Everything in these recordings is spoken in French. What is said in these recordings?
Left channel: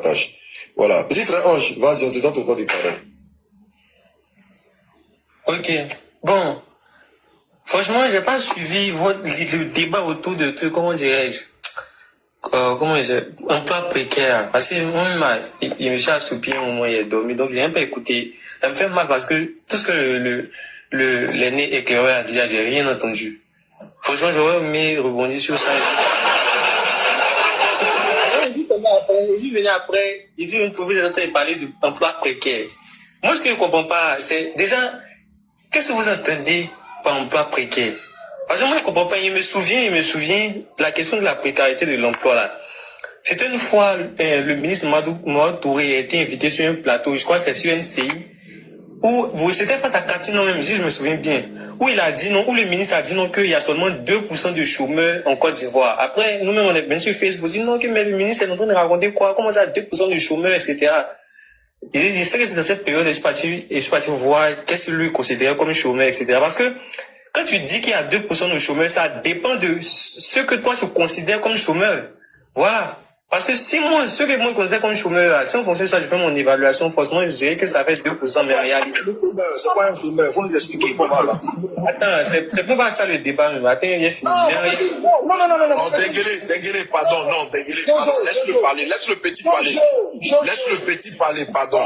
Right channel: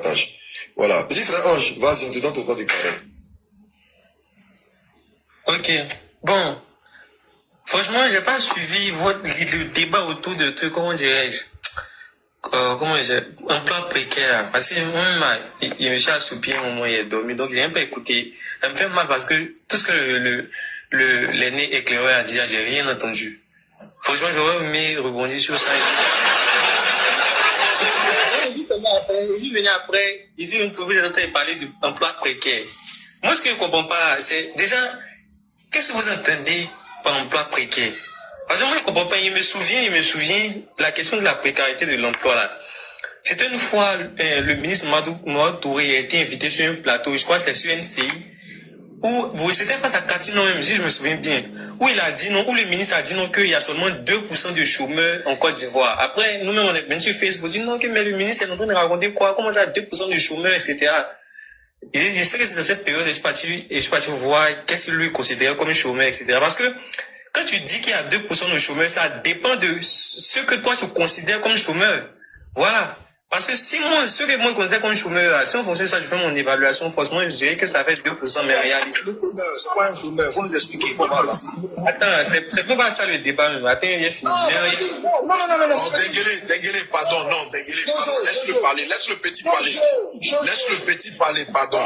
tâche. Voilà. Petit frère Ange, vas-y, on te donne ton temps de parole. Ok. Bon. Franchement, j'ai pas suivi le débat autour de tout, comment dirais-je, emploi précaire. Parce que moi, il me suis assoupi un moment, il est dormi, donc j'ai un peu écouté. Ça me fait mal parce que tout ce que l'aîné éclaireur a dit, j'ai rien entendu. Franchement, j'aurais aimé rebondir sur ça. Je suis venu après, j'ai vu une professeur en train de parler d'emploi précaire. Moi, ce que je comprends pas, c'est déjà, qu'est-ce que vous entendez par emploi précaire? Parce que moi, je comprends pas. Il me souvient, la question de la précarité de l'emploi, là. C'était une fois, le ministre Mamadou Touré a été invité sur un plateau, je crois que c'est sur NCI, où, c'était face à Catino même, si je me souviens bien, où il a dit non, où le ministre a dit non, qu'il y a seulement 2% de chômeurs en Côte d'Ivoire. Après, nous-mêmes, on est venu sur Facebook, dit non, mais le ministre est en train de raconter quoi, comment ça, 2% de chômeurs, etc. Et je sais que c'est dans cette période, je suis parti voir qu'est-ce qu'il lui considérait comme chômeur, etc. Parce que, quand tu dis qu'il y a 2% de chômeurs, ça dépend de ce que toi tu considères comme chômeur. Voilà. Parce que si moi, ce que moi je considère comme chômeur, si on fonctionne ça, je fais mon évaluation, forcément, je dirais que ça fait 2%, mais en réalité. C'est pas un chômeur, faut nous expliquer comment avancer. Attends, c'est pas ça le débat, mais attends, il est fini. Non, Denguele, pardon, non, Denguele, pardon, laisse-le parler, laisse le petit parler. Laisse le petit parler, pardon.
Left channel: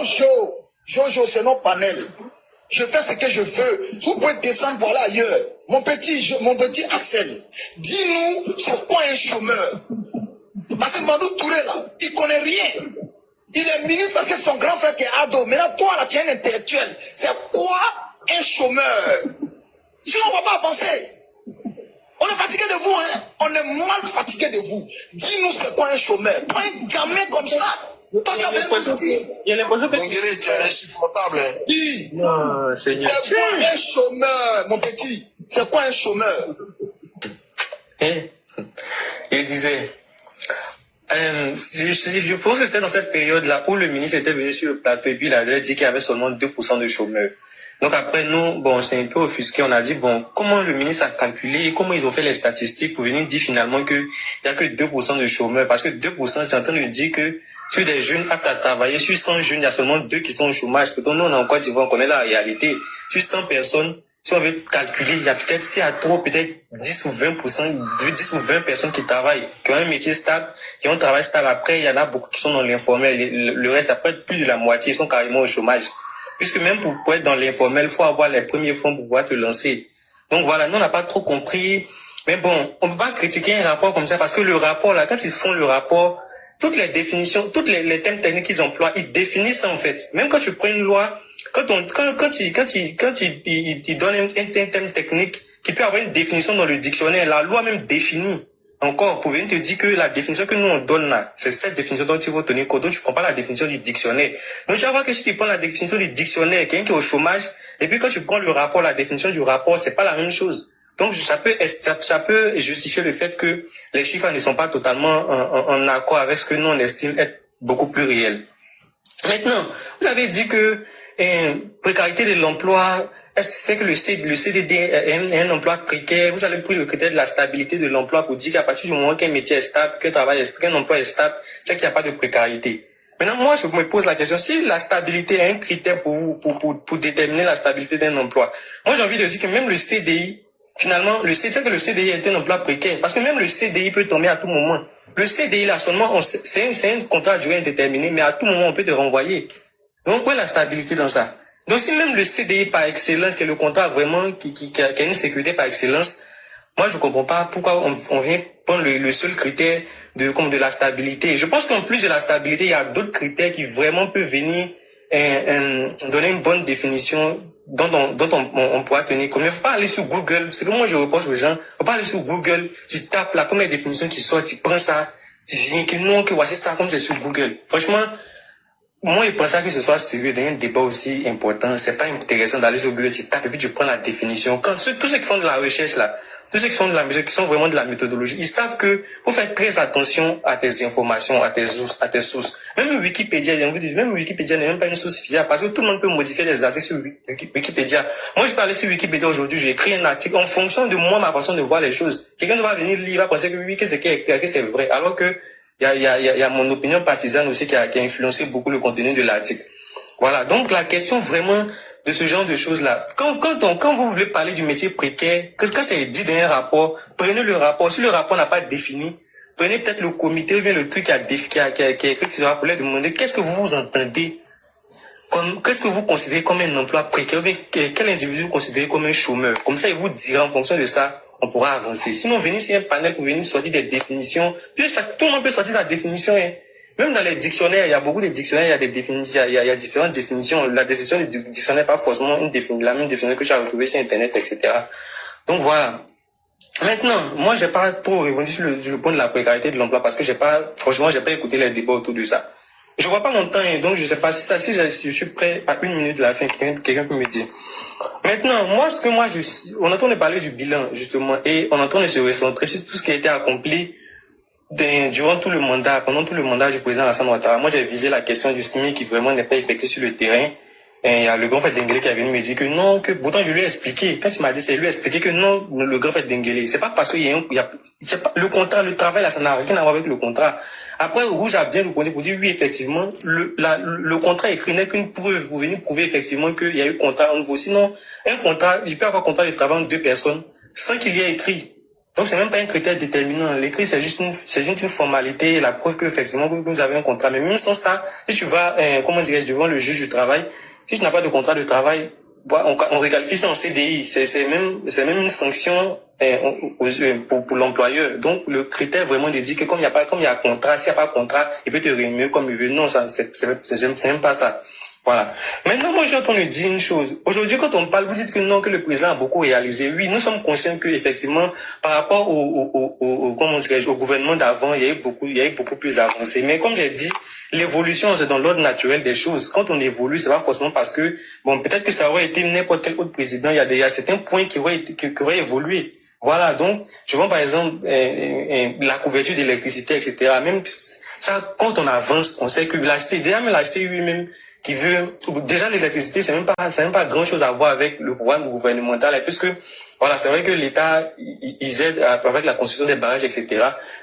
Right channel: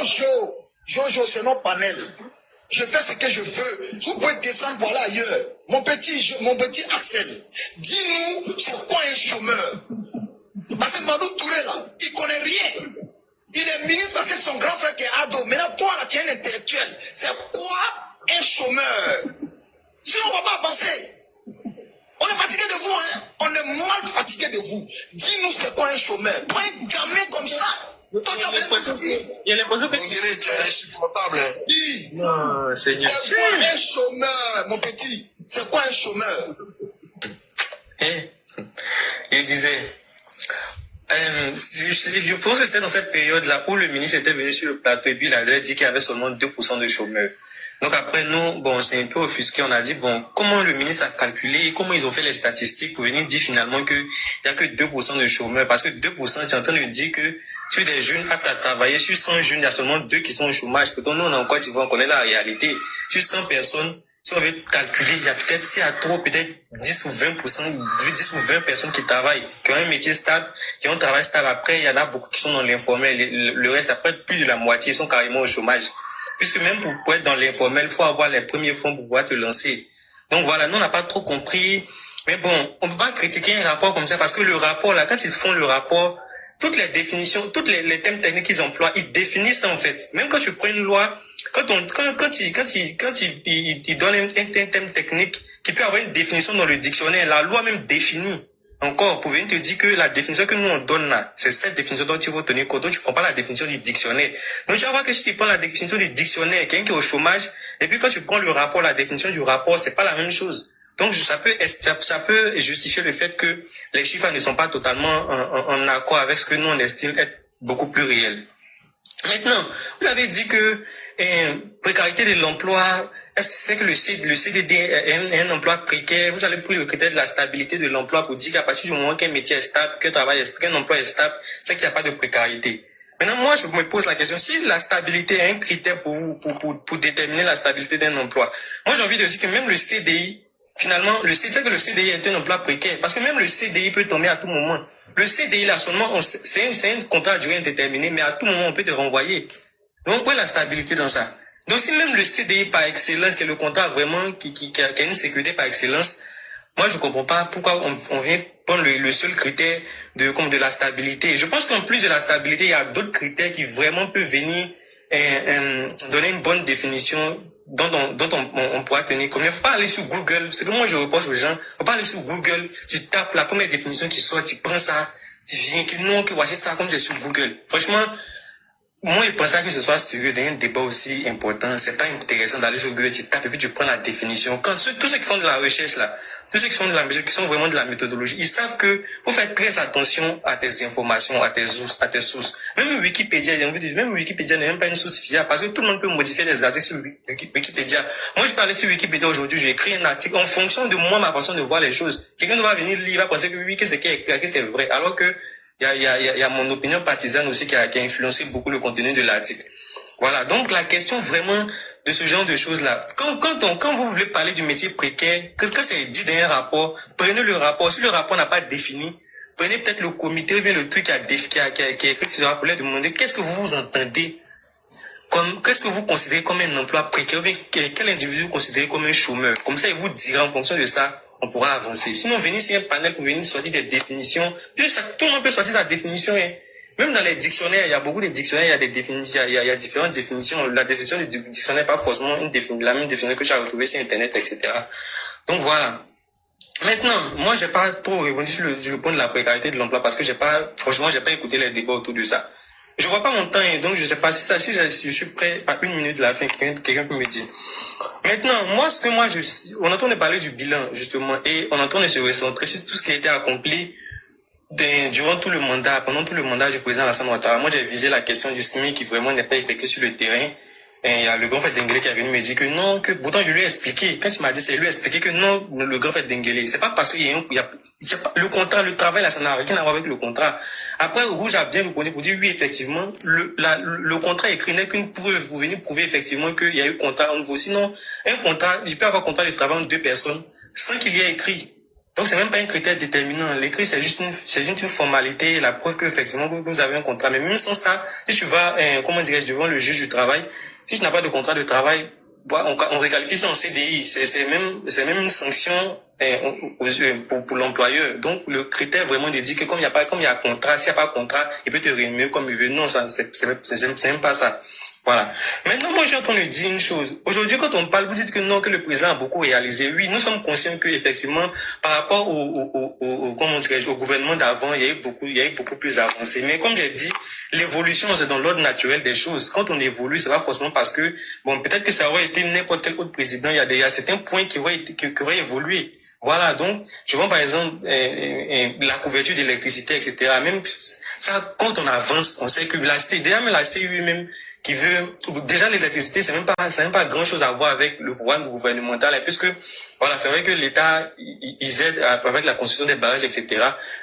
Jojo, c'est notre panel. Je fais ce que je veux. Vous pouvez descendre pour aller ailleurs. Mon petit Axel, dis-nous c'est quoi un chômeur? Parce que Madou Touré, là, il connaît rien. Il est ministre parce que son grand frère qui est ado. Maintenant, toi, là, tu es un intellectuel. C'est quoi un chômeur? Sinon, on ne va pas avancer. On est fatigué de vous, hein. On est mal fatigué de vous. Dis-nous c'est quoi un chômeur? Toi, un gamin comme ça. Il y a l'impression que... Denguele, tu es insupportable, hein. Dis. Non, Seigneur. C'est quoi un chômeur, mon petit? C'est quoi un chômeur? Il disait... je pense que c'était dans cette période-là où le ministre était venu sur le plateau et puis il avait dit qu'il y avait seulement 2% de chômeurs. Donc après, nous, bon, c'est un peu offusqué. On a dit, bon, comment le ministre a calculé, comment ils ont fait les statistiques pour venir dire finalement qu'il n'y a que 2% de chômeurs. Parce que 2%, tu es en train de dire que sur des jeunes aptes à travailler, sur 100 jeunes, il y a seulement 2 qui sont au chômage. Pourtant, nous, on est en Côte d'Ivoire, on connaît la réalité. Sur 100 personnes, si on veut calculer, il y a peut-être, s'il y a trop, peut-être 10 ou 20 personnes qui travaillent, qui ont un métier stable, qui ont un travail stable. Après, il y en a beaucoup qui sont dans l'informel. Le reste, après, plus de la moitié, ils sont carrément au chômage. Puisque même pour être dans l'informel, il faut avoir les premiers fonds pour pouvoir te lancer. Donc voilà, nous, on n'a pas trop compris. Mais bon, on ne peut pas critiquer un rapport comme ça parce que le rapport, là, quand ils font le rapport, toutes les définitions, toutes les thèmes techniques qu'ils emploient, ils définissent ça, en fait. Même quand tu prends une loi, quand il donne un thème technique qui peut avoir une définition dans le dictionnaire, la loi même définit. Encore, pour venir te dire que la définition que nous on donne là, c'est cette définition dont tu vas tenir compte. Donc tu prends pas la définition du dictionnaire. Donc tu vas voir que si tu prends la définition du dictionnaire, quelqu'un qui est au chômage, et puis quand tu prends le rapport, la définition du rapport, c'est pas la même chose. Donc ça peut justifier le fait que les chiffres ne sont pas totalement en accord avec ce que nous on estime être beaucoup plus réel. Maintenant, vous avez dit que précarité de l'emploi, est-ce que c'est que le CDD est un emploi précaire? Vous allez prendre le critère de la stabilité de l'emploi pour dire qu'à partir du moment qu'un métier est stable, qu'un emploi est stable, c'est qu'il n'y a pas de précarité. Maintenant, moi, je me pose la question, si la stabilité est un critère pour vous, pour déterminer la stabilité d'un emploi, moi, j'ai envie de dire que même le CDI, finalement, c'est que le CDI est un emploi précaire, parce que même le CDI peut tomber à tout moment. Le CDI, là, seulement, c'est un contrat à durée indéterminée, mais à tout moment, on peut te renvoyer. Donc, où est la stabilité dans ça? Donc, si même le CDI par excellence, qui est le contrat vraiment, qui a une sécurité par excellence, moi, je comprends pas pourquoi on vient prendre le seul critère de la stabilité. Je pense qu'en plus de la stabilité, il y a d'autres critères qui vraiment peuvent venir, donner une bonne définition dont on pourra tenir compte. Mais faut pas aller sur Google. C'est que moi, je reproche aux gens. Faut pas aller sur Google. Tu tapes la première définition qui sort, tu prends ça, tu viens, que voici ça, comme c'est sur Google. Franchement, moi, je pense pas que ce soit sérieux d'un débat aussi important. C'est pas intéressant d'aller sur Google, tu tapes et puis tu prends la définition. Quand tous ceux qui font de la recherche, là, tous ceux qui font de la mesure, qui sont vraiment de la méthodologie, ils savent que faut faire très attention à tes informations, à tes sources. Même Wikipédia n'est même pas une source fiable parce que tout le monde peut modifier les articles sur Wikipédia. Moi, je parlais sur Wikipédia aujourd'hui, j'ai écrit un article en fonction de moi, ma façon de voir les choses. Quelqu'un va venir lire, il va penser que oui, que c'est vrai. Alors que il y a mon opinion partisane aussi qui a influencé beaucoup le contenu de l'article. Voilà. Donc, la question vraiment de ce genre de choses-là. Quand vous voulez parler du métier précaire, quand c'est dit dans un rapport, prenez le rapport. Si le rapport n'a pas défini, prenez peut-être le comité ou bien le truc qui a écrit ce rapport là, demandez qu'est-ce que vous entendez qu'est-ce que vous considérez comme un emploi précaire ou bien quel individu vous considérez comme un chômeur. Comme ça, il vous dira en fonction de ça, on pourra avancer. Sinon, venez ici un panel pour venir sortir des définitions. Puis tout le monde peut sortir sa définition. Hein. Même dans les dictionnaires, il y a beaucoup de dictionnaires, il y a des définitions, il y a différentes définitions. La définition du dictionnaire n'est pas forcément la même définition que j'ai retrouvée sur Internet, etc. Donc voilà. Maintenant, moi, j'ai pas trop répondu sur le point de la précarité de l'emploi parce que franchement, j'ai pas écouté les débats autour de ça. Je vois pas mon temps, hein, donc je sais pas si je suis prêt à 1 minute de la fin, quelqu'un peut me dire. Maintenant, on entend parler du bilan, justement, et on entend se recentrer sur tout ce qui a été accompli durant tout le mandat, pendant tout le mandat du président Alassane Ouattara. Moi, j'ai visé la question du SMIC qui vraiment n'est pas effectué sur le terrain. Et il y a le grand frère Dengele qui est venu me dire que non, que pourtant je lui ai expliqué. Quand il m'a dit, c'est lui a expliqué que non, le grand frère Dengele. C'est pas parce qu'il c'est pas le contrat, le travail là, ça n'a rien à voir avec le contrat. Après, Rouge a bien répondu pour dire oui, effectivement, le contrat écrit n'est qu'une preuve pour venir prouver effectivement qu'il y a eu contrat en nouveau. Sinon, un contrat, il peut avoir contrat de travail entre 2 personnes sans qu'il y ait écrit. Donc, c'est même pas un critère déterminant. L'écrit, c'est juste une formalité, la preuve que, effectivement, vous avez un contrat. Mais même sans ça, si tu vas, devant le juge du travail, si tu n'as pas de contrat de travail, on requalifie ça en CDI. C'est même une sanction, pour l'employeur. Donc, le critère vraiment de dire que comme il y a contrat, s'il n'y a pas de contrat, il peut te rémunérer comme il veut. Non, ça, c'est même pas ça. Voilà. Maintenant, moi, j'ai entendu dire une chose. Aujourd'hui, quand on parle, vous dites que non, que le président a beaucoup réalisé. Oui, nous sommes conscients que, effectivement, par rapport au gouvernement d'avant, il y a eu beaucoup plus avancé. Mais comme j'ai dit, l'évolution, c'est dans l'ordre naturel des choses. Quand on évolue, c'est pas forcément parce que, bon, peut-être que ça aurait été n'importe quel autre président. Il y a certains points qui auraient évolué. Voilà. Donc, je vois, par exemple, la couverture d'électricité, etc. Même ça, quand on avance, on sait que la CU même, qui veut, déjà l'électricité, c'est même pas grand chose à voir avec le programme gouvernemental, puisque, voilà, c'est vrai que l'État, ils aident avec la construction des barrages, etc.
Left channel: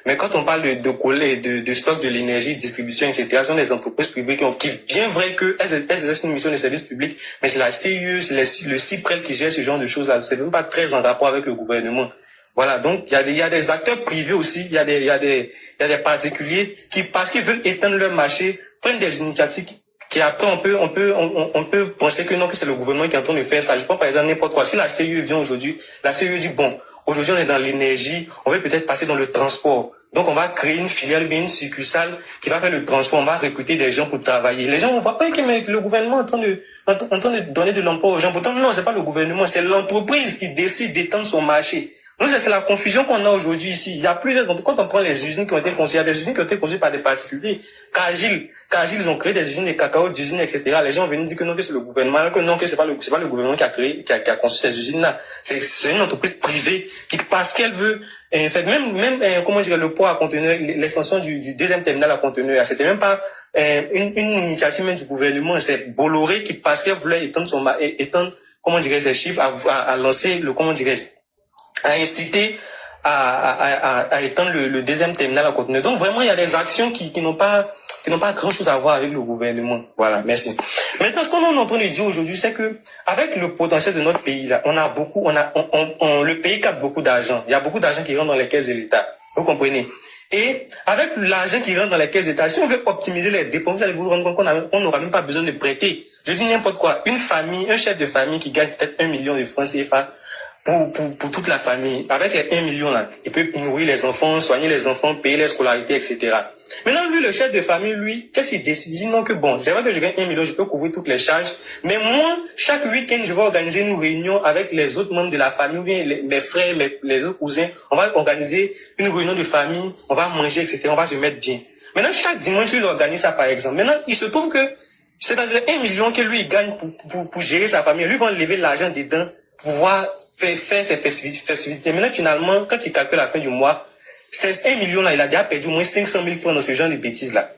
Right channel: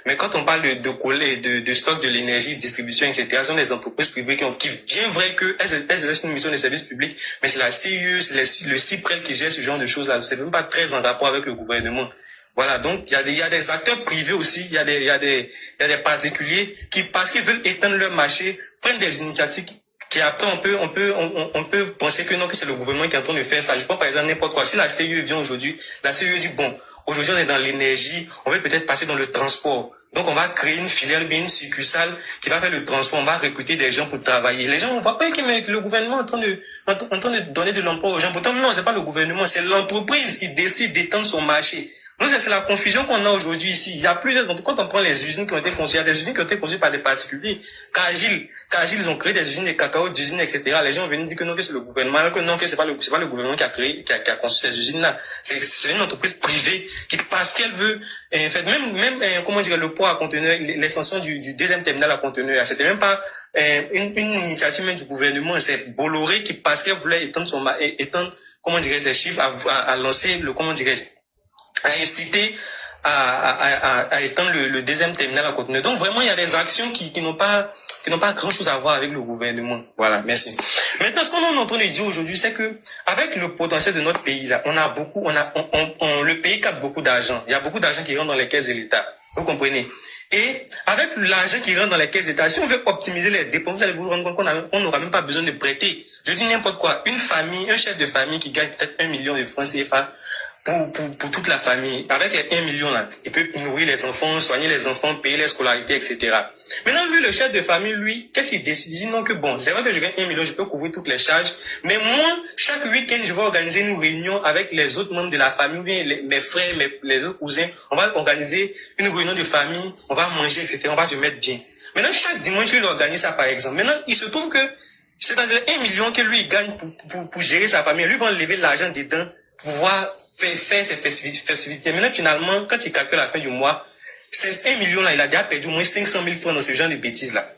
Mais quand on parle de stock de l'énergie, distribution, etc., ce sont des entreprises privées qui bien vrai que elles exercent une mission de service public, mais c'est la CIE, c'est le CIPREL qui gère ce genre de choses-là. C'est même pas très en rapport avec le gouvernement. Voilà, donc il y a des acteurs privés aussi, il y a des particuliers qui, parce qu'ils veulent étendre leur marché, prennent des initiatives qui après on peut penser que non, que c'est le gouvernement qui est en train de faire ça. Je prends par exemple n'importe quoi. Si la CIE vient aujourd'hui, la CIE dit bon, aujourd'hui on est dans l'énergie, on va peut-être passer dans le transport. Donc on va créer une filiale, bien une succursale qui va faire le transport, on va recruter des gens pour travailler. Les gens, on voit pas que le gouvernement est en train de donner de l'emploi aux gens. Pourtant non, c'est pas le gouvernement, c'est l'entreprise qui décide d'étendre son marché. Donc, c'est la confusion qu'on a aujourd'hui ici. Il y a plusieurs, quand on prend les usines qui ont été construites, il y a des usines qui ont été construites par des particuliers. Cargill, ils ont créé des usines de cacao, d'usines, etc. Les gens viennent dire que non, que c'est le gouvernement, que non, que c'est pas le gouvernement qui a construit ces usines-là. C'est une entreprise privée qui, parce qu'elle veut, en fait, même, comment dire, le port à conteneurs, l'extension du deuxième terminal à conteneurs, c'était même pas, une initiative même du gouvernement. C'est Bolloré qui, parce qu'elle voulait étendre, comment dirais-je, ses chiffres, à lancer à inciter à étendre le deuxième terminal à conteneurs. Donc vraiment, il y a des actions qui n'ont pas grand chose à voir avec le gouvernement. Voilà, merci. Maintenant, ce qu'on est en train de dire aujourd'hui, c'est que avec le potentiel de notre pays là, le pays capte beaucoup d'argent. Il y a beaucoup d'argent qui rentre dans les caisses de l'État. Vous comprenez? Et avec l'argent qui rentre dans les caisses d'État, si on veut optimiser les dépenses, vous allez vous rendre compte qu'on n'aura même pas besoin de prêter. Je dis n'importe quoi. Un chef de famille qui gagne peut-être 1 million de francs CFA, pour toute la famille, avec les 1 million là, il peut nourrir les enfants, soigner les enfants, payer les scolarités, etc. Maintenant, lui, le chef de famille, lui, qu'est-ce qu'il décide? Il dit non que bon, c'est vrai que je gagne 1 million, je peux couvrir toutes les charges, mais moi, chaque week-end, je vais organiser une réunion avec les autres membres de la famille, ou bien mes frères, les autres cousins, on va organiser une réunion de famille, on va manger, etc., on va se mettre bien. Maintenant, chaque dimanche, il organise ça, par exemple. Maintenant, il se trouve que c'est dans les 1 million que lui, il gagne pour gérer sa famille. Lui, va enlever l'argent dedans, pour pouvoir faire ses festivités. Maintenant, finalement, quand il calcule la fin du mois, c'est 1 million là, il a déjà perdu au moins 500 000 francs dans ce genre de bêtises là.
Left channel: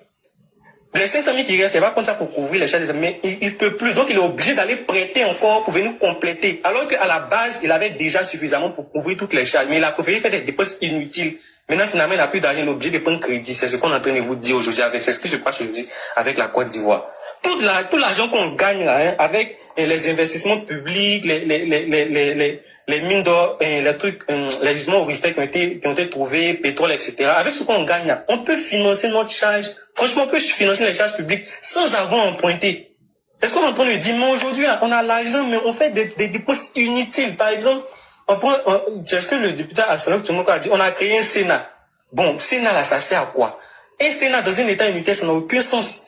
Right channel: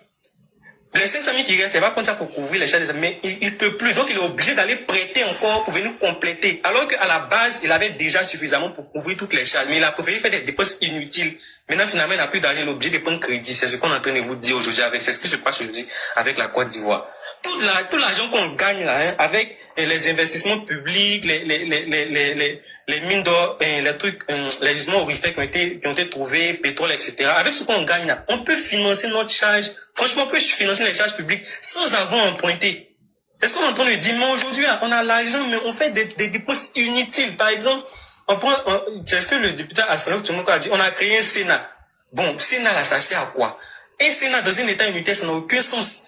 Les 500 000 qui restent, il va prendre ça pour couvrir les charges, mais il ne peut plus. Donc, il est obligé d'aller prêter encore pour venir compléter. Alors qu'à la base, il avait déjà suffisamment pour couvrir toutes les charges. Mais il a préféré faire des dépenses inutiles. Maintenant, finalement, il n'a plus d'argent, il est obligé de prendre crédit. C'est ce qu'on est en train de vous dire aujourd'hui c'est ce qui se passe aujourd'hui avec la Côte d'Ivoire. Tout l'argent qu'on gagne là, hein, avec les investissements publics, les mines d'or, les trucs, les gisements aurifères qui ont été trouvés, pétrole, etc. Avec ce qu'on gagne là, on peut financer notre charge. Franchement, on peut financer les charges publiques sans avoir emprunté. Est-ce qu'on est en train de dire, mais aujourd'hui, on a l'argent, mais on fait des dépenses inutiles. Par exemple, c'est ce que le député Assalok Tchomoko a dit, on a créé un Sénat. Bon, Sénat là, ça sert à quoi? Un Sénat dans un État unitaire, ça n'a aucun sens.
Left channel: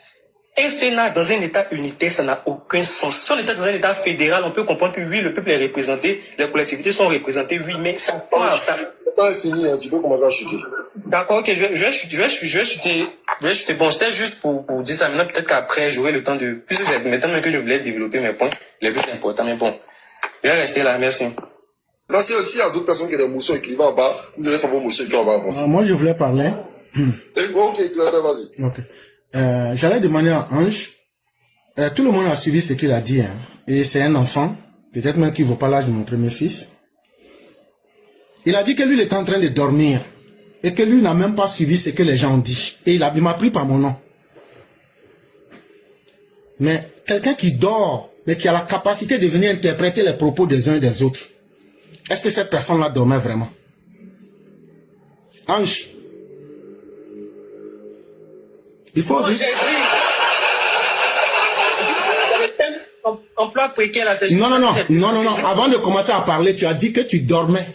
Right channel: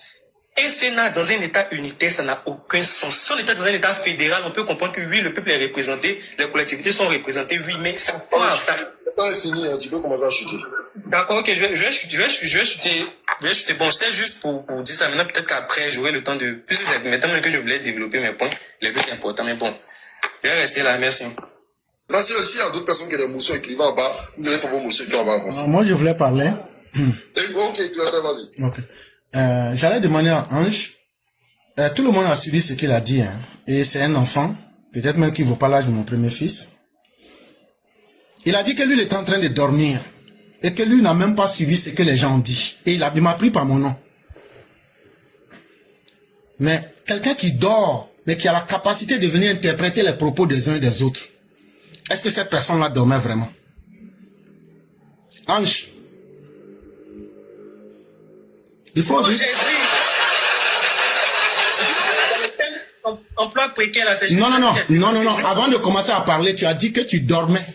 Un Sénat dans un État unitaire, ça n'a aucun sens. Si on était dans un État fédéral, on peut comprendre que oui, le peuple est représenté, les collectivités sont représentées, oui, mais ça part, ça. Le temps est fini, hein, tu peux commencer à chuter. D'accord, ok, je vais chuter. Bon, c'était juste pour dire ça. Maintenant, peut-être qu'après, j'aurai le temps de, puisque c'est maintenant que je voulais développer mes points, les plus importants, mais bon. Je vais rester là, merci. Là, s'il y a d'autres personnes qui ont des motions écrivées en bas, vous allez faire vos motions écrivées en bas en français. Moi, je voulais parler. Ok, Claire, vas-y. Ok. J'allais demander à Ange, tout le monde a suivi ce qu'il a dit, hein, et c'est un enfant, peut-être même qu'il ne vaut pas l'âge de mon premier fils. Il a dit que lui, il était en train de dormir, et que lui n'a même pas suivi ce que les gens ont dit, et il m'a pris par mon nom. Mais quelqu'un qui dort, mais qui a la capacité de venir interpréter les propos des uns et des autres, est-ce que cette personne-là dormait vraiment? Ange, il faut J'ai dit. Emploi précaire là, c'est juste. Non. Avant de commencer à parler, tu as dit que tu dormais.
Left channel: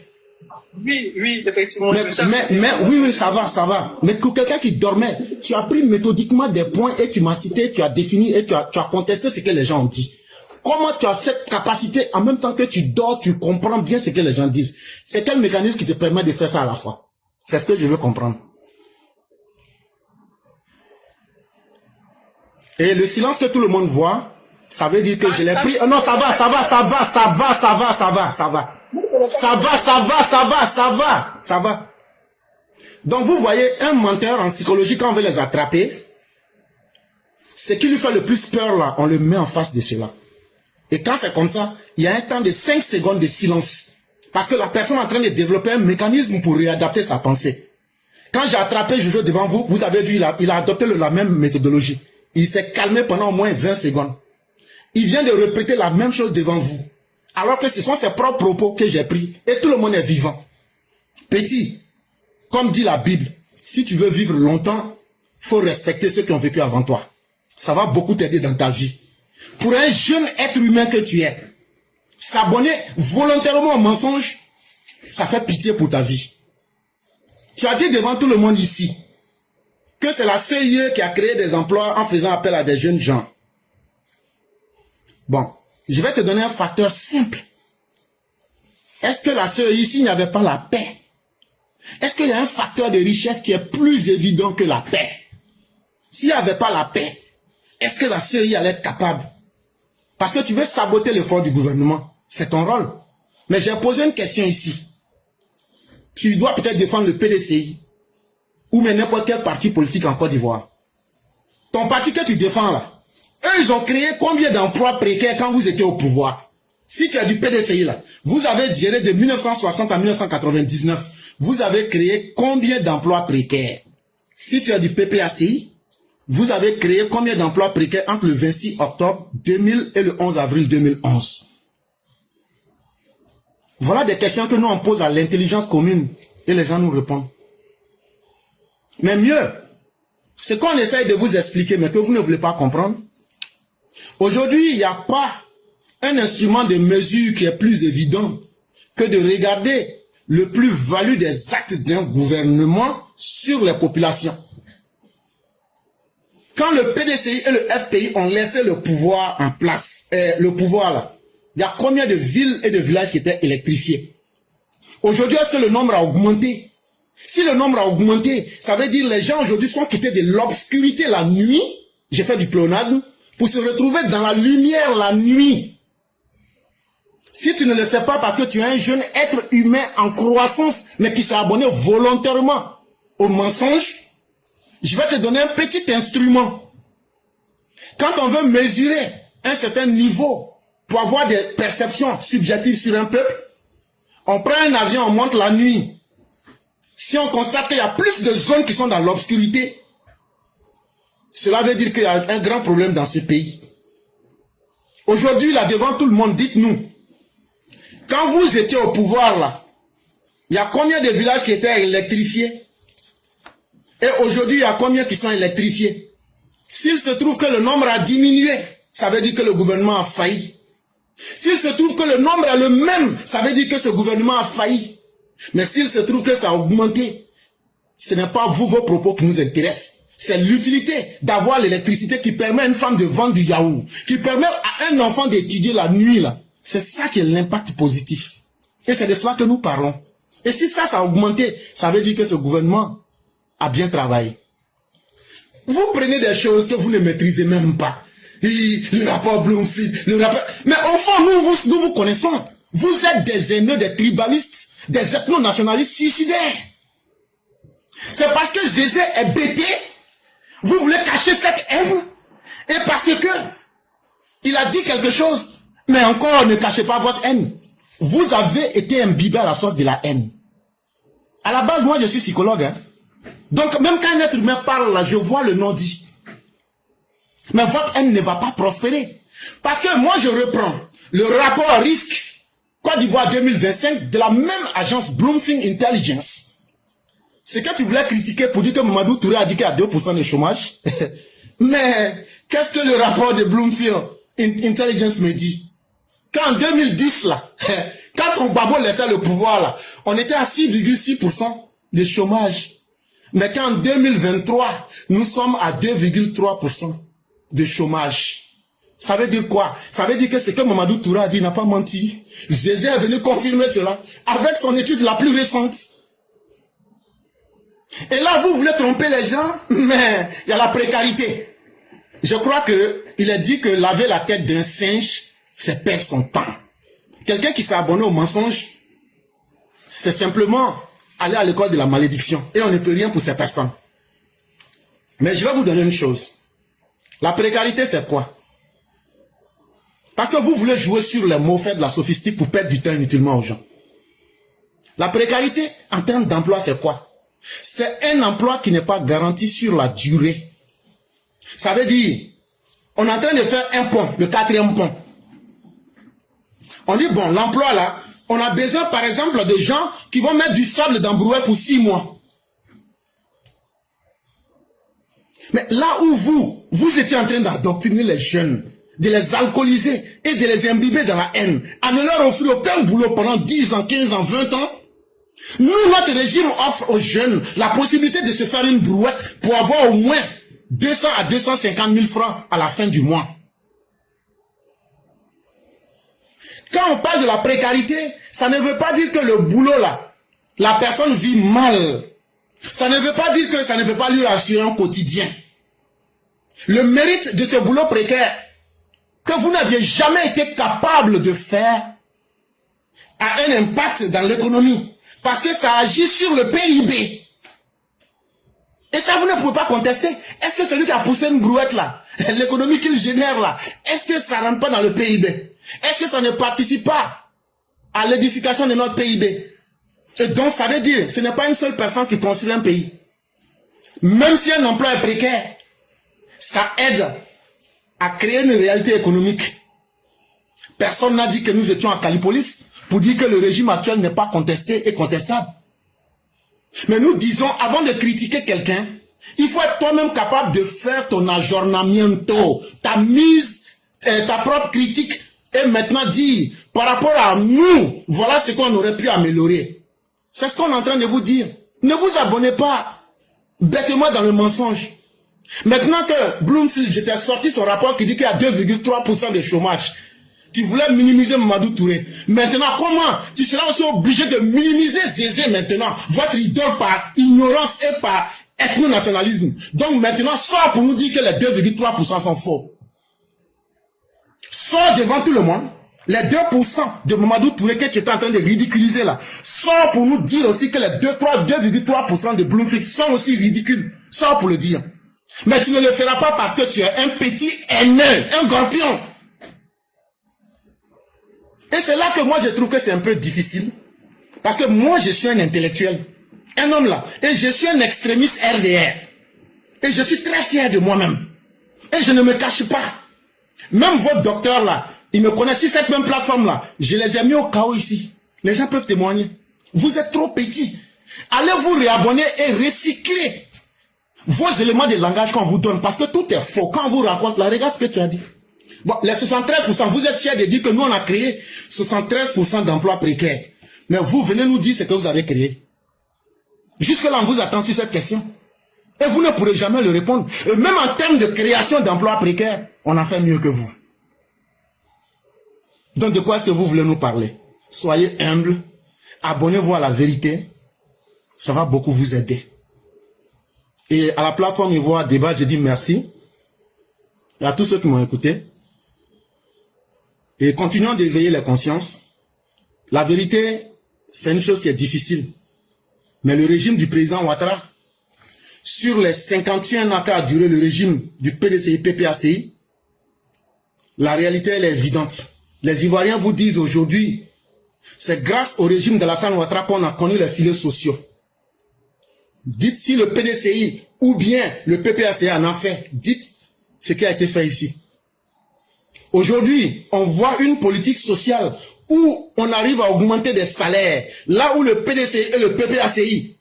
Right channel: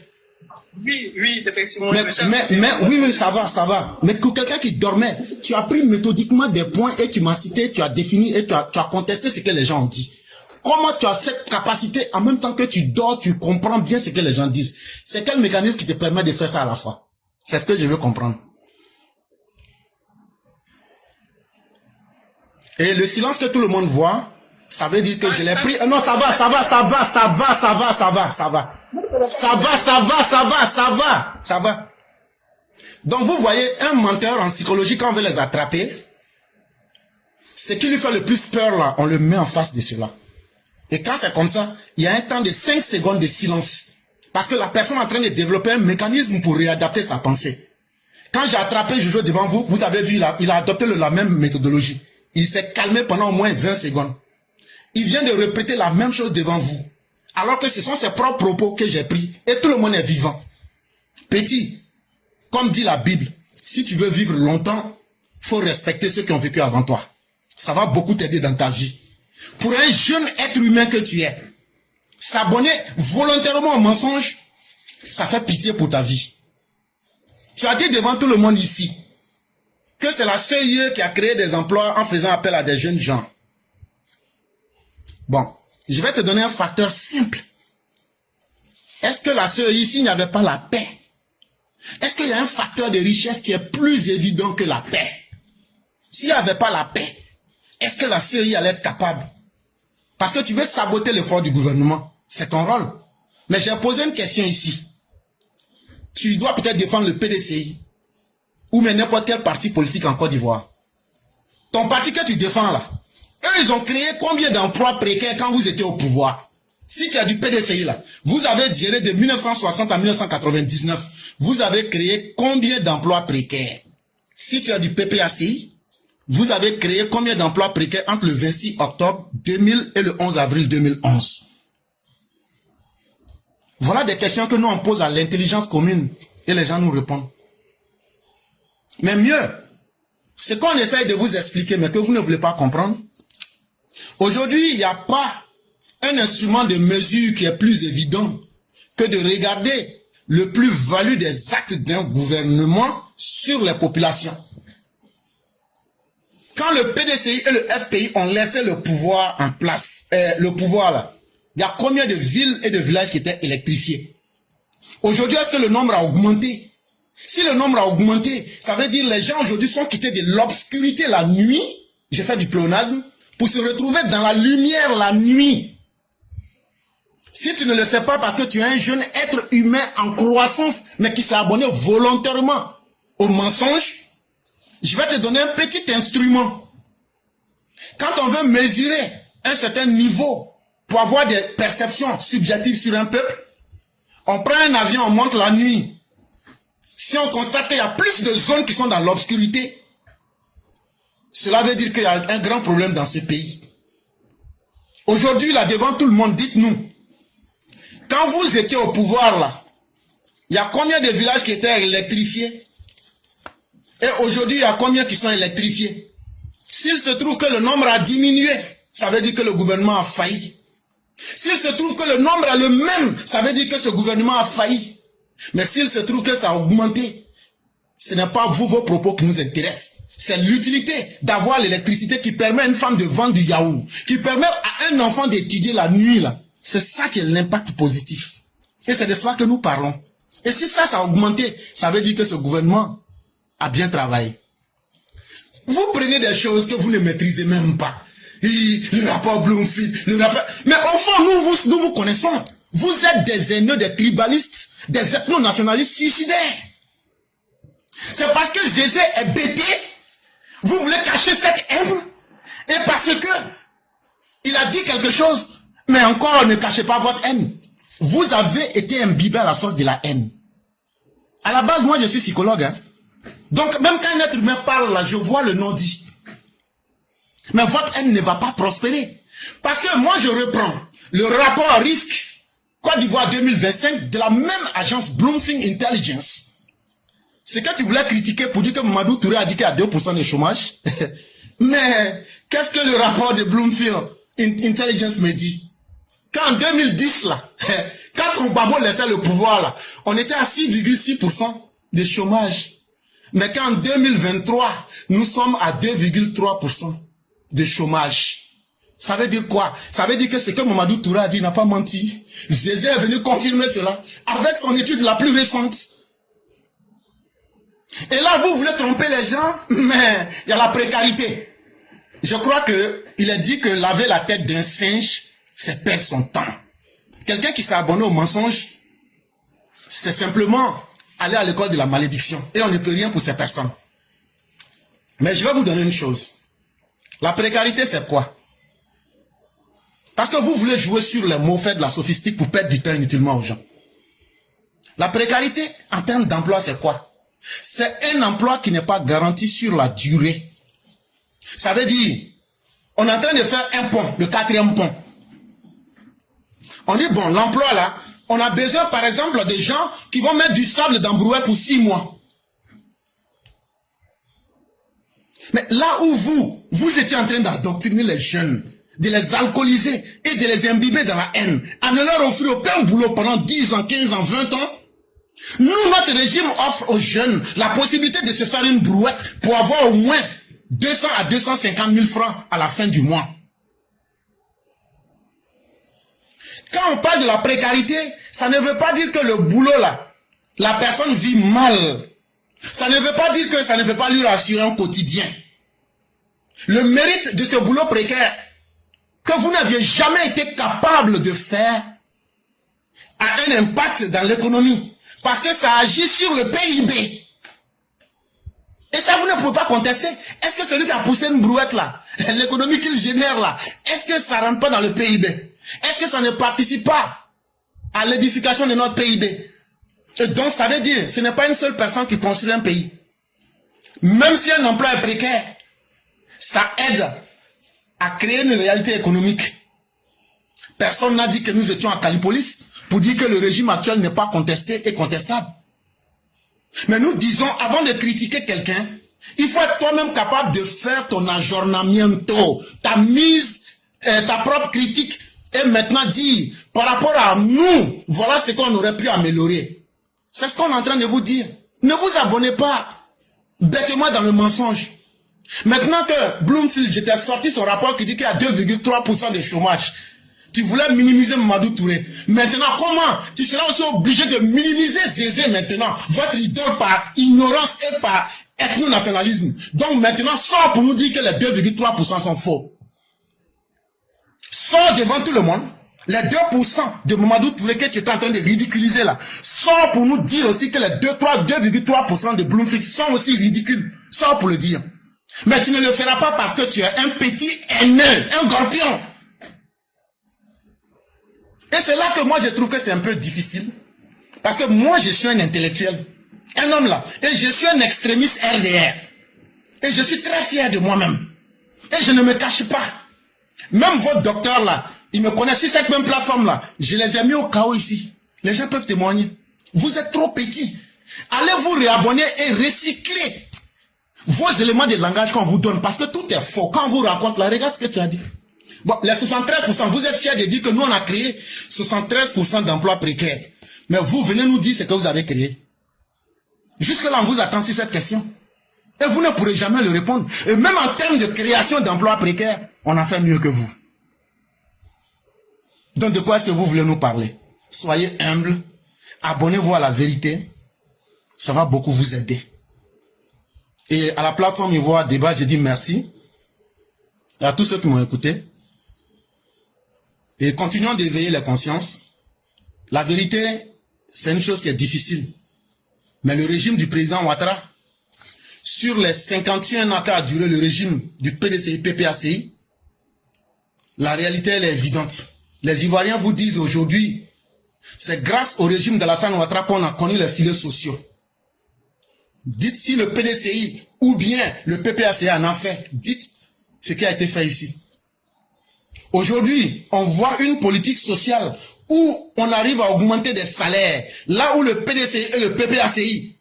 Oui, effectivement. Oui, ça va. Mais pour quelqu'un qui dormait, tu as pris méthodiquement des points et tu m'as cité, tu as défini et tu as contesté ce que les gens ont dit. Comment tu as cette capacité, en même temps que tu dors, tu comprends bien ce que les gens disent? C'est quel mécanisme qui te permet de faire ça à la fois? C'est ce que je veux comprendre. Et le silence que tout le monde voit, ça veut dire que je l'ai pris. Non, ça va. Donc vous voyez, un menteur en psychologie, quand on veut les attraper, ce qui lui fait le plus peur là, on le met en face de cela. Et quand c'est comme ça, il y a un temps de 5 secondes de silence. Parce que la personne est en train de développer un mécanisme pour réadapter sa pensée. Quand j'ai attrapé Jojo devant vous, vous avez vu, il a adopté la même méthodologie. Il s'est calmé pendant au moins 20 secondes. Il vient de répéter la même chose devant vous. Alors que ce sont ses propres propos que j'ai pris. Et tout le monde est vivant. Petit, comme dit la Bible, si tu veux vivre longtemps, il faut respecter ceux qui ont vécu avant toi. Ça va beaucoup t'aider dans ta vie. Pour un jeune être humain que tu es, s'abonner volontairement au mensonge, ça fait pitié pour ta vie. Tu as dit devant tout le monde ici que c'est la CIE qui a créé des emplois en faisant appel à des jeunes gens. Bon, je vais te donner un facteur simple. Est-ce que la CIE ici n'avait pas la paix? Est-ce qu'il y a un facteur de richesse qui est plus évident que la paix? S'il n'y avait pas la paix, est-ce que la CIE allait être capable? Parce que tu veux saboter l'effort du gouvernement. C'est ton rôle. Mais j'ai posé une question ici. Tu dois peut-être défendre le PDCI ou même n'importe quel parti politique en Côte d'Ivoire. Ton parti que tu défends là, eux ils ont créé combien d'emplois précaires quand vous étiez au pouvoir? Si tu as du PDCI là, vous avez géré de 1960 à 1999, vous avez créé combien d'emplois précaires? Si tu as du PPACI, vous avez créé combien d'emplois précaires entre le 26 octobre 2000 et le 11 avril 2011? Voilà des questions que nous on pose à l'intelligence commune et les gens nous répondent. Mais mieux, ce qu'on essaye de vous expliquer mais que vous ne voulez pas comprendre, aujourd'hui il n'y a pas un instrument de mesure qui est plus évident que de regarder le plus-value des actes d'un gouvernement sur les populations. Quand le PDCI et le FPI ont laissé le pouvoir en place, le pouvoir là, il y a combien de villes et de villages qui étaient électrifiés? Aujourd'hui, est-ce que le nombre a augmenté? Si le nombre a augmenté, ça veut dire que les gens aujourd'hui sont quittés de l'obscurité la nuit, j'ai fait du pléonasme, pour se retrouver dans la lumière la nuit. Si tu ne le sais pas parce que tu es un jeune être humain en croissance, mais qui s'est abonné volontairement au mensonge, je vais te donner un petit instrument. Quand on veut mesurer un certain niveau pour avoir des perceptions subjectives sur un peuple, on prend un avion, on monte la nuit. Si on constate qu'il y a plus de zones qui sont dans l'obscurité, cela veut dire qu'il y a un grand problème dans ce pays. Aujourd'hui, là, devant tout le monde, dites-nous, quand vous étiez au pouvoir, là, il y a combien de villages qui étaient électrifiés? Et aujourd'hui, il y a combien qui sont électrifiés? S'il se trouve que le nombre a diminué, ça veut dire que le gouvernement a failli. S'il se trouve que le nombre est le même, ça veut dire que ce gouvernement a failli. Mais s'il se trouve que ça a augmenté, ce n'est pas vous, vos propos qui nous intéressent. C'est l'utilité d'avoir l'électricité qui permet à une femme de vendre du yaourt, qui permet à un enfant d'étudier la nuit, là. C'est ça qui est l'impact positif. Et c'est de cela que nous parlons. Et si ça a augmenté, ça veut dire que ce gouvernement a bien travaillé. Vous prenez des choses que vous ne maîtrisez même pas. Le rapport Bloomfield, le rapport... Mais au fond, nous vous connaissons. Vous êtes des haineux, des tribalistes, des ethno-nationalistes suicidaires. C'est parce que Zézé est bêté, vous voulez cacher cette haine. Et parce que il a dit quelque chose, mais encore ne cachez pas votre haine. Vous avez été imbibé à la source de la haine. À la base, moi je suis psychologue. Hein. Donc même quand un être humain parle là, je vois le non-dit. Mais votre haine ne va pas prospérer. Parce que moi je reprends le rapport risque Côte d'Ivoire 2025 de la même agence Bloomfield Intelligence. C'est que tu voulais critiquer pour dire que Mamadou Touré a dit qu'il y a 2% de chômage. Mais qu'est-ce que le rapport de Bloomfield Intelligence me dit? Qu'en 2010, là, quand Obama laissait le pouvoir, là, on était à 6,6% de chômage. Mais qu'en 2023, nous sommes à 2,3% de chômage. Ça veut dire quoi? Ça veut dire que ce que Mamadou Touré a dit n'a pas menti. Zézé est venu confirmer cela avec son étude la plus récente. Et là, vous voulez tromper les gens, mais il y a la précarité. Je crois qu'il est dit que laver la tête d'un singe, c'est perdre son temps. Quelqu'un qui s'est abonné au mensonge, c'est simplement aller à l'école de la malédiction. Et on ne peut rien pour ces personnes. Mais je vais vous donner une chose. La précarité, c'est quoi? Parce que vous voulez jouer sur les mots faits de la sophistique pour perdre du temps inutilement aux gens. La précarité, en termes d'emploi, c'est quoi? C'est un emploi qui n'est pas garanti sur la durée. Ça veut dire, on est en train de faire un pont, le 4e pont. On dit, bon, l'emploi là, on a besoin par exemple de gens qui vont mettre du sable dans Brouet pour 6 mois. Mais là où vous étiez en train d'endoctriner les jeunes, de les alcooliser et de les imbiber dans la haine, en ne leur offrir aucun boulot pendant 10 ans, 15 ans, 20 ans, nous, notre régime offre aux jeunes la possibilité de se faire une brouette pour avoir au moins 200 à 250 000 francs à la fin du mois. Quand on parle de la précarité, ça ne veut pas dire que le boulot là, la personne vit mal. Ça ne veut pas dire que ça ne peut pas lui assurer un quotidien. Le mérite de ce boulot précaire que vous n'aviez jamais été capable de faire a un impact dans l'économie. Parce que ça agit sur le PIB. Et ça, vous ne pouvez pas contester. Est-ce que celui qui a poussé une brouette là, l'économie qu'il génère là, est-ce que ça ne rentre pas dans le PIB? Est-ce que ça ne participe pas à l'édification de notre PIB? Et donc, ça veut dire, ce n'est pas une seule personne qui construit un pays. Même si un emploi est précaire, ça aide à créer une réalité économique. Personne n'a dit que nous étions à Calipolis pour dire que le régime actuel n'est pas contesté et contestable. Mais nous disons, avant de critiquer quelqu'un, il faut être toi-même capable de faire ton aggiornamento, ta mise, ta propre critique, et maintenant dire, par rapport à nous, voilà ce qu'on aurait pu améliorer. C'est ce qu'on est en train de vous dire. Ne vous abonnez pas bêtement dans le mensonge. Maintenant que Bloomfield, j'étais sorti son rapport qui dit qu'il y a 2,3% de chômage. Tu voulais minimiser Mamadou Touré. Maintenant, comment? Tu seras aussi obligé de minimiser Zézé maintenant. Votre idole par ignorance et par ethno-nationalisme. Donc maintenant, sors pour nous dire que les 2,3% sont faux. Sors devant tout le monde. Les 2% de Mamadou Touré que tu es en train de ridiculiser là. Sors pour nous dire aussi que les 2,3% de Bloomfield sont aussi ridicules. Sors pour le dire. Mais tu ne le feras pas parce que tu es un petit aîné, un gorpion. Et c'est là que moi je trouve que c'est un peu difficile. Parce que moi je suis un intellectuel, un homme là. Et je suis un extrémiste RDR. Et je suis très fier de moi-même. Et je ne me cache pas. Même votre docteur là, il me connaît sur cette même plateforme là. Je les ai mis au chaos ici. Les gens peuvent témoigner. Vous êtes trop petits. Allez vous réabonner et recycler vos éléments de langage qu'on vous donne. Parce que tout est faux. Quand on vous raconte là, regarde ce que tu as dit. Bon, les 73%, vous êtes fiers de dire que nous on a créé 73% d'emplois précaires. Mais vous venez nous dire ce que vous avez créé. Jusque-là, on vous attend sur cette question. Et vous ne pourrez jamais le répondre. Et même en termes de création d'emplois précaires, on a fait mieux que vous. Donc de quoi est-ce que vous voulez nous parler? Soyez humbles, abonnez-vous à la vérité, ça va beaucoup vous aider. Et à la plateforme Ivoire Débat, je dis merci à tous ceux qui m'ont écouté. Et continuons d'éveiller la conscience. La vérité, c'est une chose qui est difficile. Mais le régime du président Ouattara, sur les 51 ans qu'a duré le régime du PDCI-PPACI, la réalité elle est évidente. Les Ivoiriens vous disent aujourd'hui, c'est grâce au régime d'Alassane Ouattara qu'on a connu les filets sociaux. Dites si le PDCI ou bien le PPACI en a fait. Dites ce qui a été fait ici. Aujourd'hui, on voit une politique sociale où on arrive à augmenter des salaires. Là où le PDCI et le PPACI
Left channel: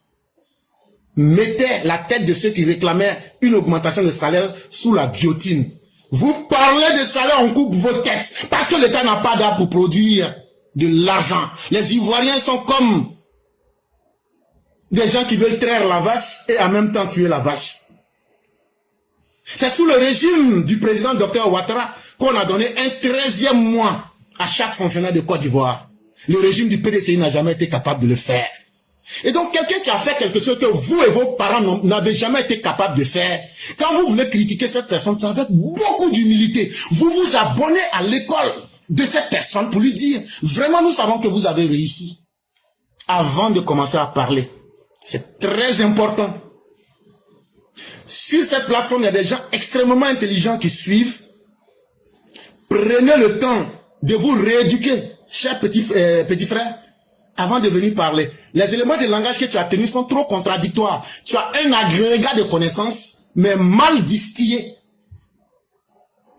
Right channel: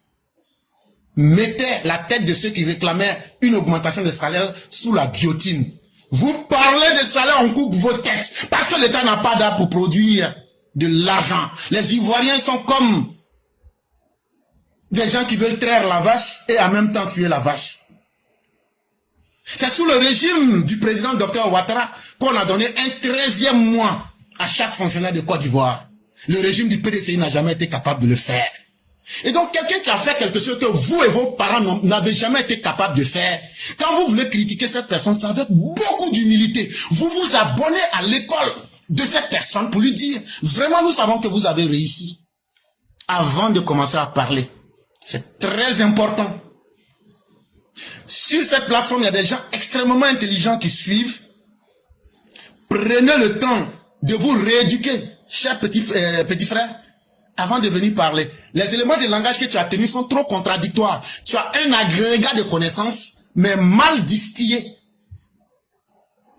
mettaient la tête de ceux qui réclamaient une augmentation des salaires sous la guillotine. Vous parlez de salaire, on coupe vos têtes. Parce que l'État n'a pas d'art pour produire de l'argent. Les Ivoiriens sont comme des gens qui veulent traire la vache et en même temps tuer la vache. C'est sous le régime du président Dr Ouattara qu'on a donné un 13e mois à chaque fonctionnaire de Côte d'Ivoire. Le régime du PDCI n'a jamais été capable de le faire. Et donc quelqu'un qui a fait quelque chose que vous et vos parents n'avez jamais été capables de faire, quand vous voulez critiquer cette personne, c'est avec beaucoup d'humilité. Vous vous abonnez à l'école de cette personne pour lui dire, vraiment nous savons que vous avez réussi. Avant de commencer à parler. C'est très important. Sur cette plateforme, il y a des gens extrêmement intelligents qui suivent. Prenez le temps de vous rééduquer, chers petits frères, avant de venir parler. Les éléments de langage que tu as tenus sont trop contradictoires. Tu as un agrégat de connaissances, mais mal distillé.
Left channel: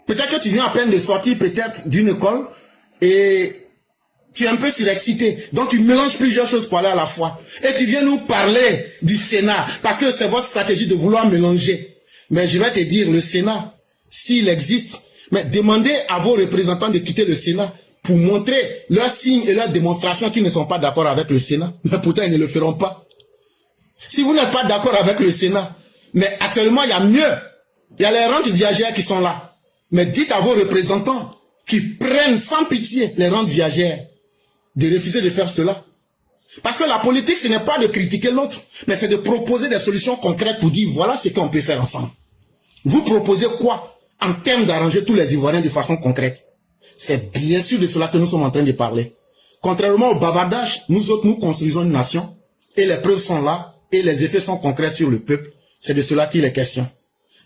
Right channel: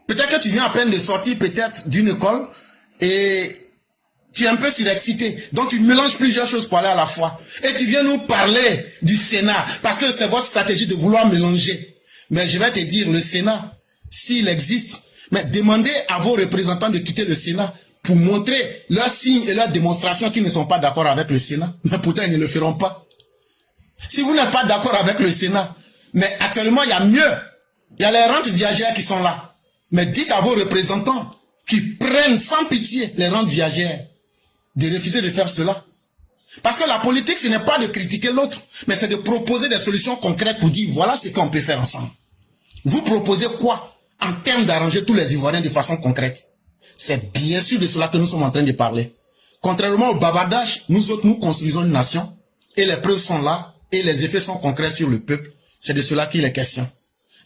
Peut-être que tu viens à peine de sortir peut-être d'une école et tu es un peu surexcité. Donc tu mélanges plusieurs choses pour aller à la fois. Et tu viens nous parler du Sénat, parce que c'est votre stratégie de vouloir mélanger. Mais je vais te dire, le Sénat, s'il existe, mais demandez à vos représentants de quitter le Sénat pour montrer leurs signes et leurs démonstrations qu'ils ne sont pas d'accord avec le Sénat. Mais pourtant, ils ne le feront pas. Si vous n'êtes pas d'accord avec le Sénat, mais actuellement, il y a mieux. Il y a les rentes viagères qui sont là. Mais dites à vos représentants qui prennent sans pitié les rentes viagères de refuser de faire cela. Parce que la politique, ce n'est pas de critiquer l'autre, mais c'est de proposer des solutions concrètes pour dire, voilà ce qu'on peut faire ensemble. Vous proposez quoi en termes d'arranger tous les Ivoiriens de façon concrète? C'est bien sûr de cela que nous sommes en train de parler. Contrairement au bavardage, nous autres, nous construisons une nation, et les preuves sont là, et les effets sont concrets sur le peuple. C'est de cela qu'il est question.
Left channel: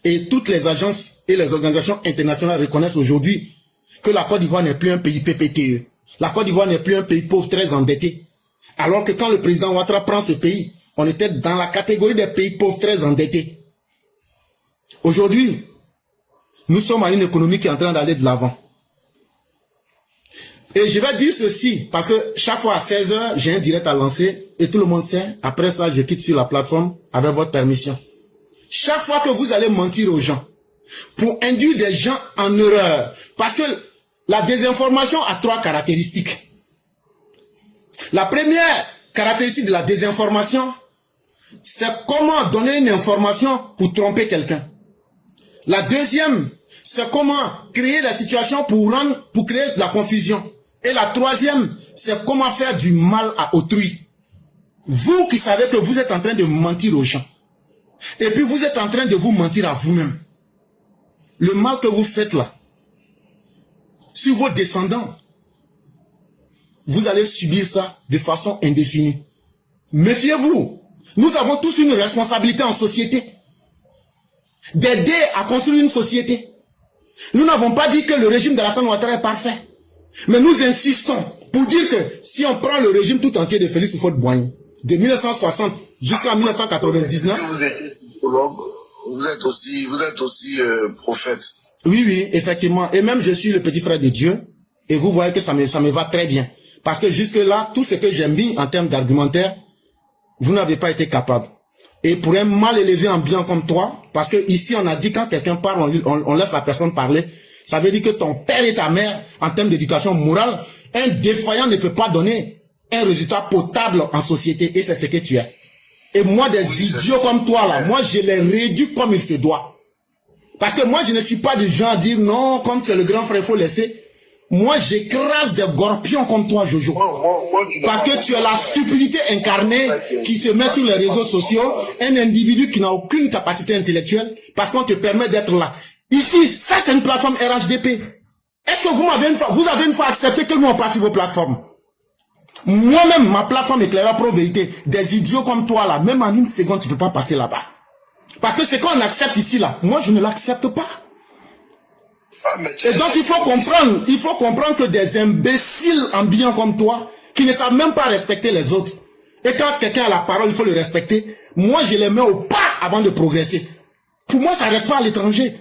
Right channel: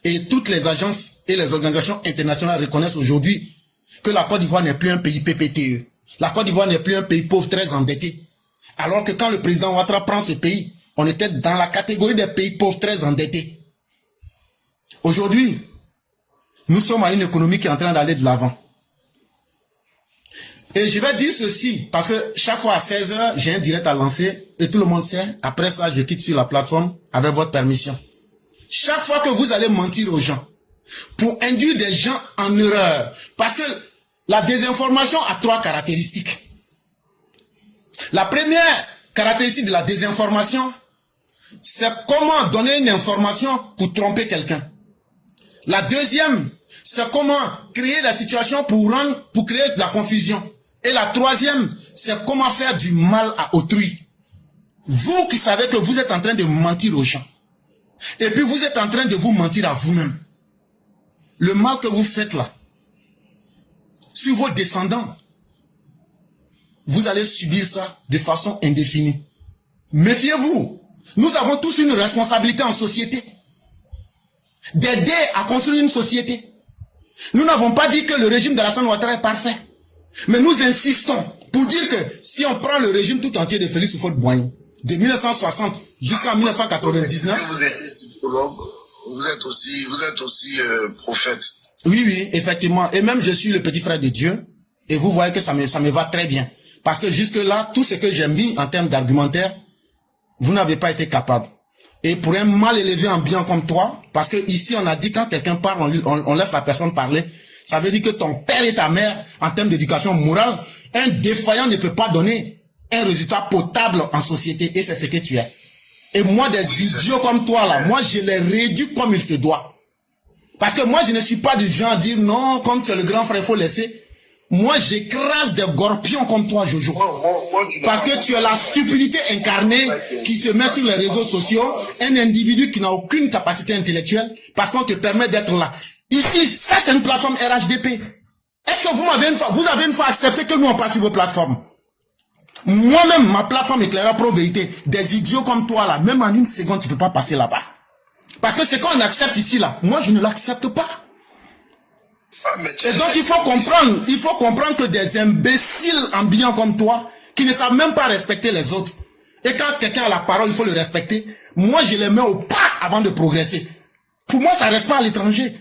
Et toutes les agences et les organisations internationales reconnaissent aujourd'hui que la Côte d'Ivoire n'est plus un pays PPTE. La Côte d'Ivoire n'est plus un pays pauvre très endetté. Alors que quand le président Ouattara prend ce pays, on était dans la catégorie des pays pauvres très endettés. Aujourd'hui, nous sommes à une économie qui est en train d'aller de l'avant. Et je vais dire ceci, parce que chaque fois à 16h, j'ai un direct à lancer, et tout le monde sait, après ça, je quitte sur la plateforme avec votre permission. Chaque fois que vous allez mentir aux gens, pour induire des gens en erreur, parce que la désinformation a 3 caractéristiques. La première caractéristique de la désinformation, c'est comment donner une information pour tromper quelqu'un. La deuxième, c'est comment créer la situation pour créer de la confusion. Et la troisième, c'est comment faire du mal à autrui. Vous qui savez que vous êtes en train de mentir aux gens. Et puis vous êtes en train de vous mentir à vous-même. Le mal que vous faites là, sur vos descendants, vous allez subir ça de façon indéfinie. Méfiez-vous. Nous avons tous une responsabilité en société. d'aider à construire une société. Nous n'avons pas dit que le régime d'Alassane Ouattara est parfait. Mais nous insistons pour dire que si on prend le régime tout entier de Félix Houphouët-Boigny, de 1960 jusqu'à 1999... Vous étiez psychologue, vous êtes aussi prophète. Oui, effectivement. Et même je suis le petit frère de Dieu. Et vous voyez que ça me va très bien. Parce que jusque-là, tout ce que j'ai mis en termes d'argumentaire, vous n'avez pas été capable. Et pour un mal élevé en bien comme toi, parce que ici on a dit quand quelqu'un parle, on laisse la personne parler, ça veut dire que ton père et ta mère, en termes d'éducation morale, un défaillant ne peut pas donner un résultat potable en société, et c'est ce que tu es. Et moi, des idiots comme toi là, moi je les réduis comme il se doit. Parce que moi je ne suis pas du genre à dire non, comme tu es le grand frère, il faut laisser. Moi, j'écrase des gorpions comme toi, Jojo. Parce que tu es la stupidité incarnée qui se met sur les réseaux sociaux, un individu qui n'a aucune capacité intellectuelle, parce qu'on te permet d'être là. Ici, ça c'est une plateforme RHDP. Est-ce que vous avez une fois accepté que nous on partit vos plateformes? Moi-même, ma plateforme Éclaireur Pro Vérité, des idiots comme toi là, même en une seconde, tu ne peux pas passer là-bas. Parce que ce qu'on accepte ici là, moi je ne l'accepte pas. Et donc il faut comprendre que des imbéciles ambiants comme toi, qui ne savent même pas respecter les autres, et quand quelqu'un a la parole, il faut le respecter. Moi je les mets au pas avant de progresser. Pour moi ça reste pas à l'étranger.